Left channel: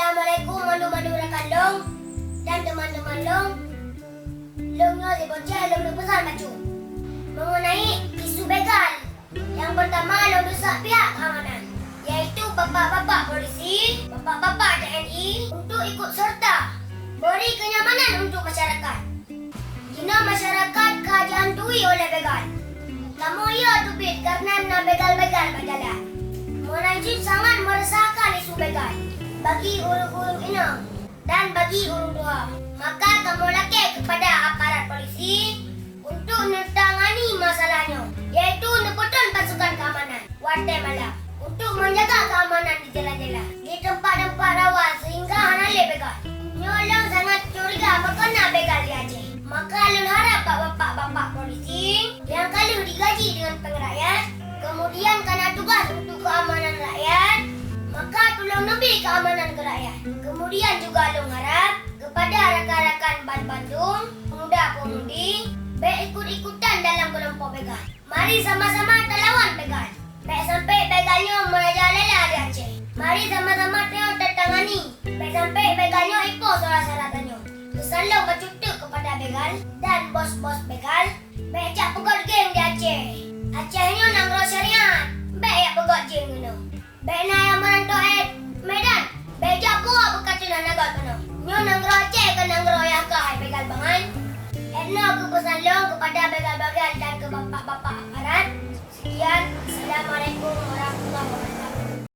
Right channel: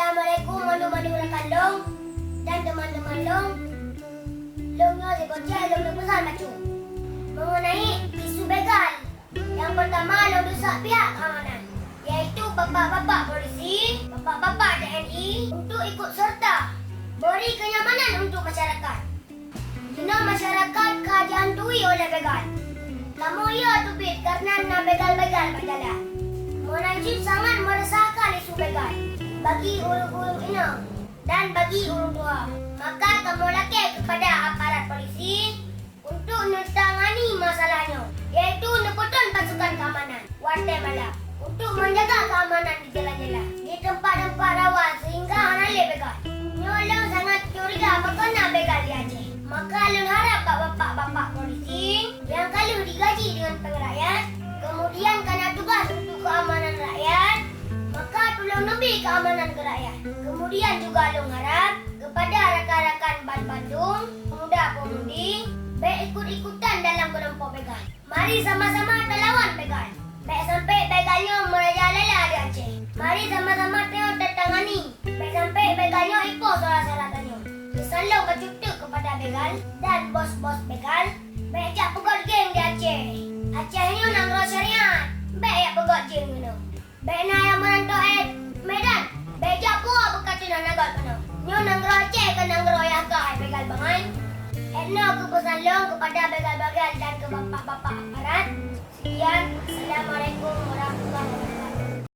Assalamualaikum manu-manu rekan Long dan teman-teman Long. Longnya si bocah Long berpesan macam mengenai isu begal. Yang pertama, Long desak pihak keamanan, iaitu bapak-bapak polisi, bapak-bapak TNI untuk ikut serta beri kenyamanan untuk masyarakat. Jika masyarakat dihantui oleh begal, namun ia tubit karena begal-begal berjalan. Menajib sangat meresahkan isu begal bagi urung-urung inang dan bagi urung tua. Maka kamu laki kepada aparat polisi untuk menangani masalahnya, iaitu neputun pasukan keamanan warta malam untuk menjaga keamanan di jalan-jalan, di tempat-tempat rawan sehingga hanale begal. Nyolong sangat curiga makana begal di Aceh. Maka Long harap bapak-bapak polisi yang kalau digaji dengan pengerayaan, kemudian karena tugas untuk keamanan rakyat, maka tolong lebih keamanan ke rakyat. Kemudian juga Long harap kepada rakan-rakan Bandung, pemuda-pemudi, baik ikut-ikutan dalam kelompok begal. Mari sama-sama terlawan begal. Baik sampai begalnya merajalela di Aceh. Mari sama-sama tengok tertangani. Baik sampai begalnya ipoh salah-salahannya. Pesan Long bercutuk kepada begal dan bos-bos begal, baik jak pegot geng di Aceh. Acehnya nanggro syariat, baik jak pegot geng kena. Baik na yang merantau Medan, baik jak pura berkata nak nagot kena. Nyo nanggro Aceh ke nanggro Yaka begal bangai. Etno ke pesan Long kepada begal-begal dan ke bapak-bapak aparat. Sekian, Assalamualaikum warahmatullahi wabarakatuh.